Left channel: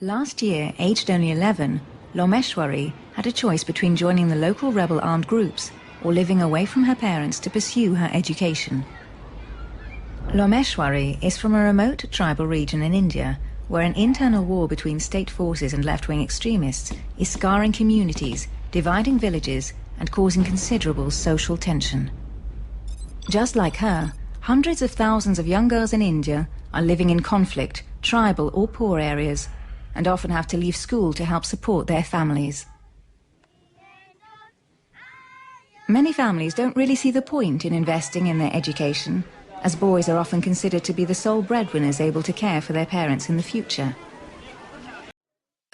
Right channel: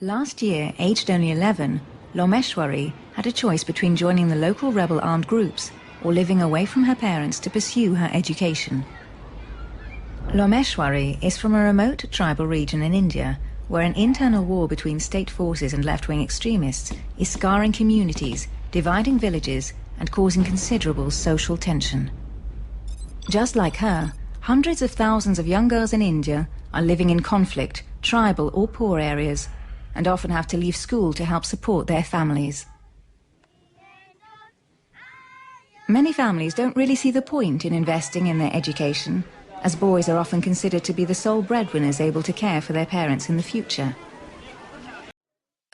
Last year, aged only 11, Lomeshwari had a choice between joining the local rebel armed groups or living away from her parents to pursue her education. Lomeshwari is from a remote tribal region in India, where an internal war between state forces and left-wing extremists is scarring communities, dividing villages, and causing considerable social tension. Just like her, hundreds of thousands of young girls in India are living in conflict, tribal or poor areas, and often have to leave school to help support their families. Many families don't really see the point in investing in their education, as boys are often considered to be the sole breadwinners able to care for their parents in the future.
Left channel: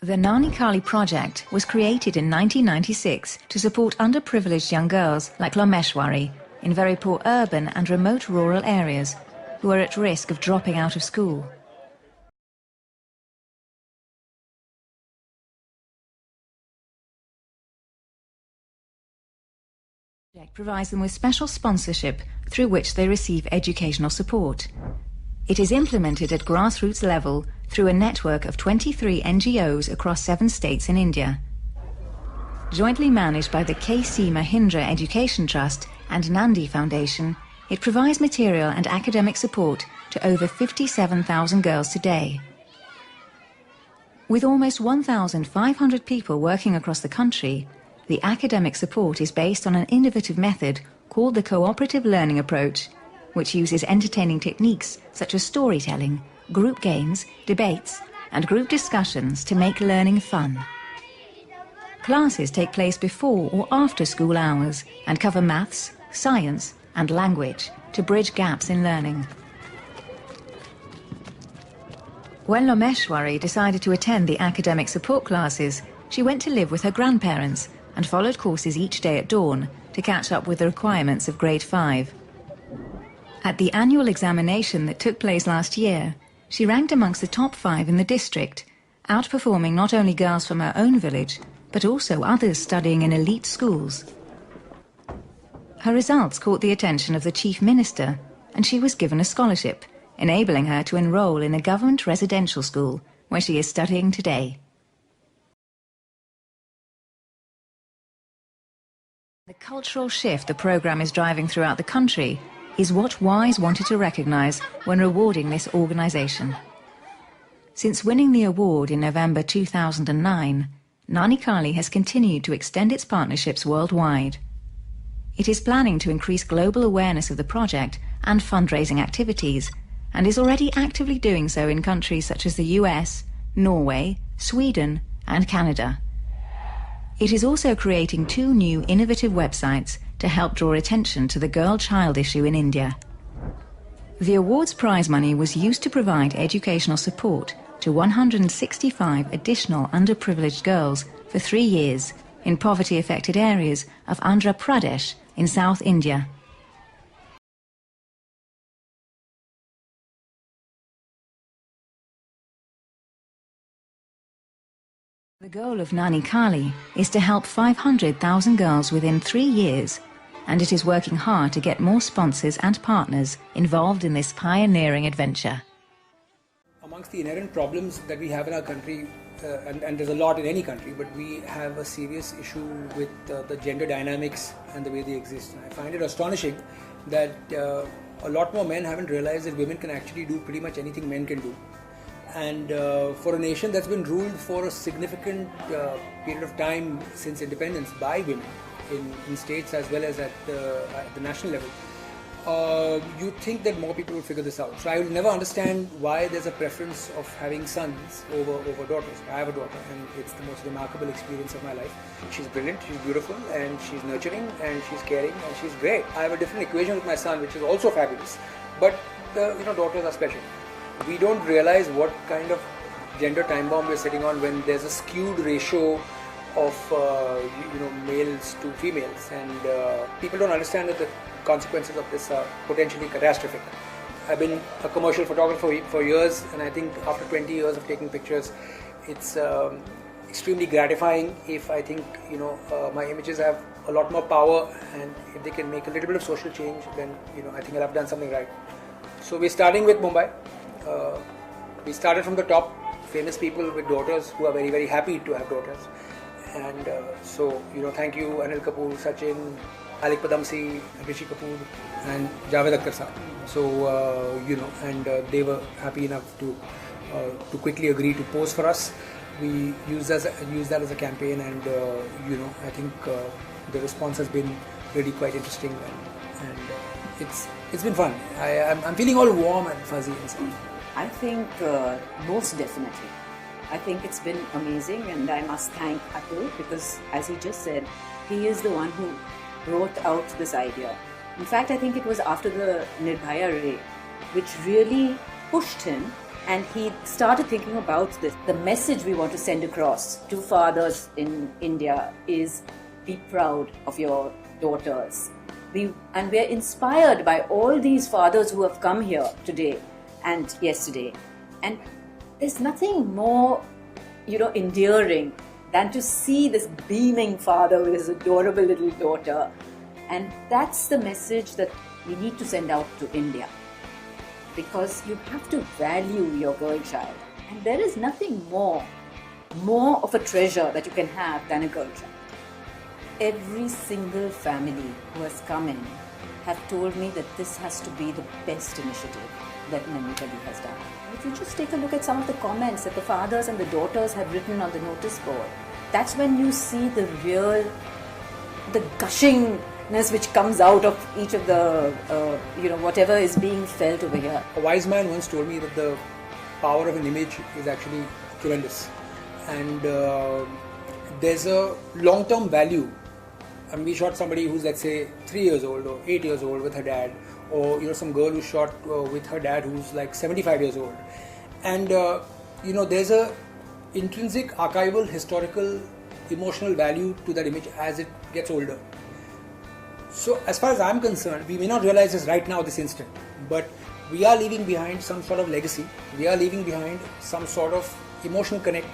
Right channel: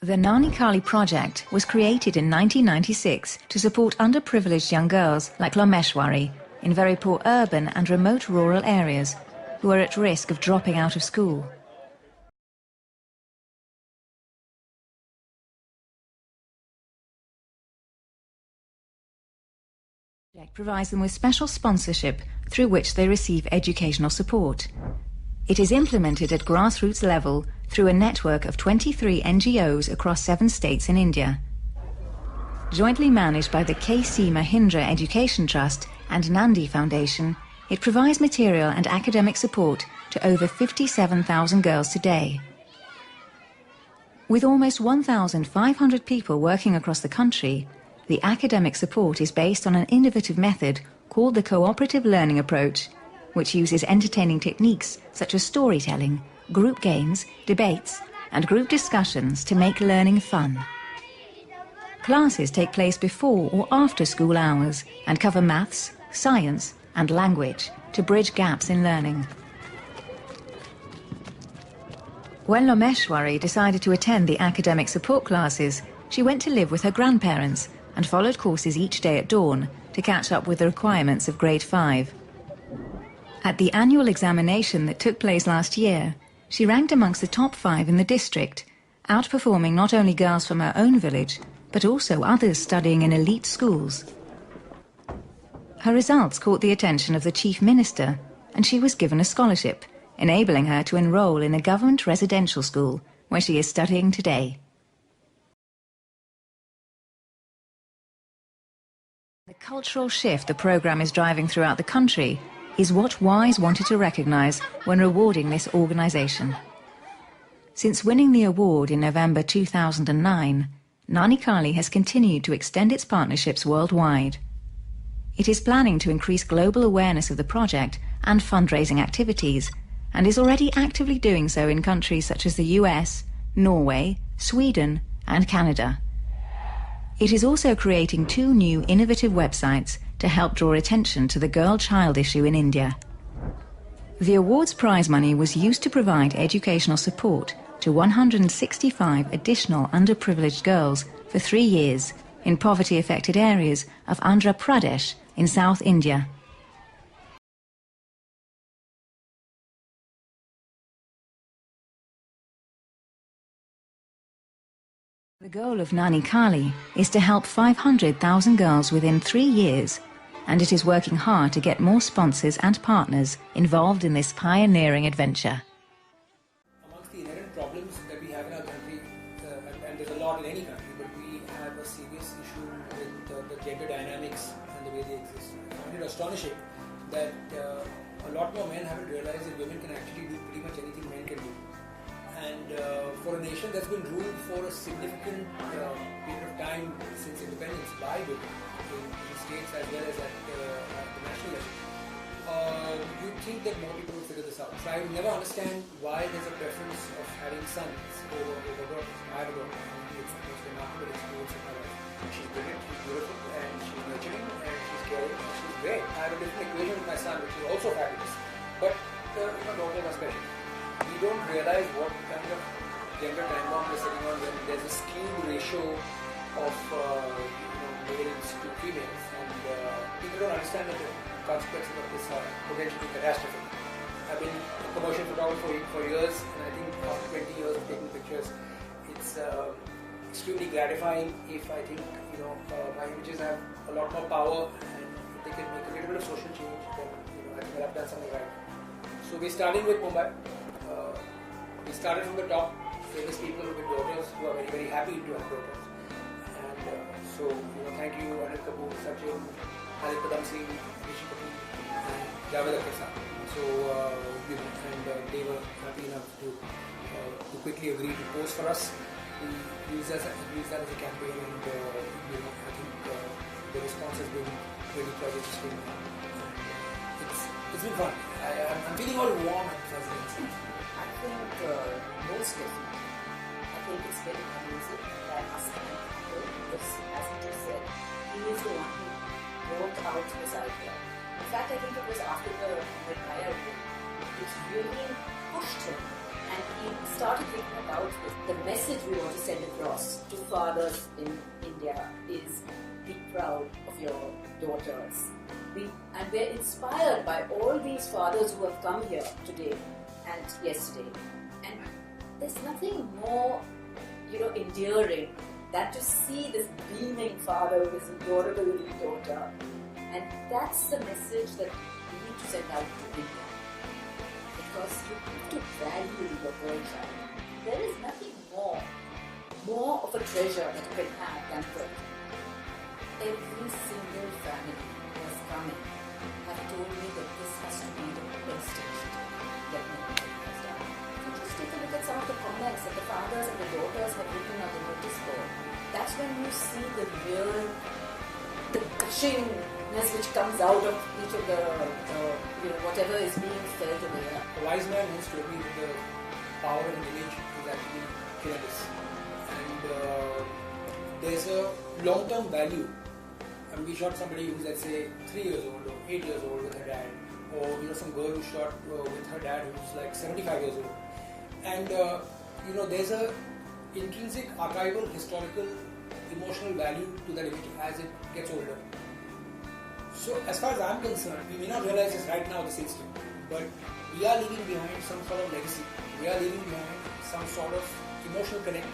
The Nanhi project was created in 1996 to support underprivileged young girls like Lomeshwari in very poor urban and remote rural areas who are at risk of dropping out of school. The project provides them with special sponsorship through which they receive educational support. It is implemented at grassroots level through a network of 23 NGOs across 7 states in India. Jointly managed by the K.C. Mahindra Education Trust and Nanhi Foundation, it provides material and academic support to over 57,000 girls today. With almost 1,500 people working across the country, the academic support is based on an innovative method called the cooperative learning approach, which uses entertaining techniques such as storytelling, group games, debates, and group discussions to make learning fun. Classes take place before or after school hours and cover maths, science, and language to bridge gaps in learning. When Lomeshwari decided to attend the academic support classes, she went to live with her grandparents and followed courses each day at dawn to catch up with the requirements of grade 5. At the annual examination that took place last year, she ranked amongst the top 5 in the district, outperforming not only girls from her own village, but also others studying in elite schools. Her results caught the attention of the Chief Minister, and she was given a scholarship, enabling her to enroll in a government residential school, where she is studying today. The cultural shift the program is driving throughout the country is what WISE wanted to recognize when rewarding this organization. Since winning the award in November 2009, Nanhi has continued to extend its partnerships worldwide. It is planning to increase global awareness of the project and fundraising activities, and is already actively doing so in countries such as the US, Norway, Sweden, and Canada. It is also creating 2 new innovative websites to help draw attention to the girl-child issue in India. The award's prize money was used to provide educational support to 165 additional underprivileged girls for 3 years in poverty-affected areas of Andhra Pradesh in South India. The goal of Nanhi is to help 500,000 girls within 3 years, and it is working hard to get more sponsors and partners involved in this pioneering adventure. Amongst the inherent problems that we have in our country, and there's a lot in any country, but we have a serious issue with the gender dynamics and the way they exist. I find it astonishing that a lot more men haven't realized that women can actually do pretty much anything men can do. And for a nation that's been ruled for a significant period of time since independence by women in the states as well as at the national level, you'd think that more people would figure this out. So I will never understand why there's a preference of having sons over daughters. I have a daughter, and it's the most remarkable experience of my life. She's brilliant, she's beautiful, and she's nurturing, and she's caring, and she's great. I have a different equation with my son, which is also fabulous. But daughters are special. We don't realize what kind of gender time bomb we're sitting on when there's a skewed ratio of males to females, and people don't understand that the consequences of this are potentially catastrophic. I've been a commercial photographer for years, and I think after 20 years of taking pictures, it's extremely gratifying if I think my images have a lot more power, and if they can make a little bit of social change, then I think I've done something right. So we're starting with Mumbai. We started from the top famous people with daughters who are very, very happy to have daughters. And so, thank you Anil Kapoor, Sachin, Alik Padamsi, Rishi Kapoor, and Javed Akhtar sir. So, they were happy enough to quickly agree to pose for us. We use that as a campaign, and I think the response has been really quite interesting. And it's been fun. I'm feeling all warm and fuzzy. I think most definitely. I think it's been amazing, and I must thank Atul, because as he just said, he is the one who brought out this idea. In fact, I think it was after the Nirbhaya raid which really pushed him, and he started thinking about this. The message we want to send across to fathers in India is, be proud of your daughters. And we're inspired by all these fathers who have come here today and yesterday. And there's nothing more, endearing than to see this beaming father with his adorable little daughter. And that's the message that we need to send out to India. Because you have to value your girl child. And there is nothing more of a treasure that you can have than a girl child. Every single family who has come in have told me that this has to be the best initiative that anybody has done. If you just take a look at some of the comments that the fathers and the daughters have written on the notice board, that's when you see the gushingness which comes out of each of the, whatever is being felt over here. A wise man once told me that the power of an image is actually tremendous. And there's a long-term value. I mean, we shot somebody who's, let's say, 3 years old or 8 years old with her dad, or some girl who shot with her dad who's like 75 years old. And there's a intrinsic, archival, historical, emotional value to that image as it gets older. So as far as I'm concerned, we may not realize this right now, this instant, but we are leaving behind some sort of legacy. We are leaving behind some sort of emotional connect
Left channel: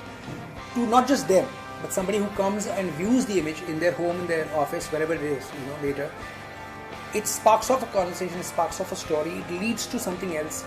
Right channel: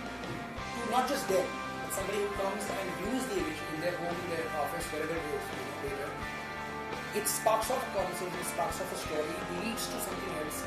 to not just them, but somebody who comes and views the image in their home, in their office, wherever it is, later. It sparks off a conversation, sparks off a story, leads to something else.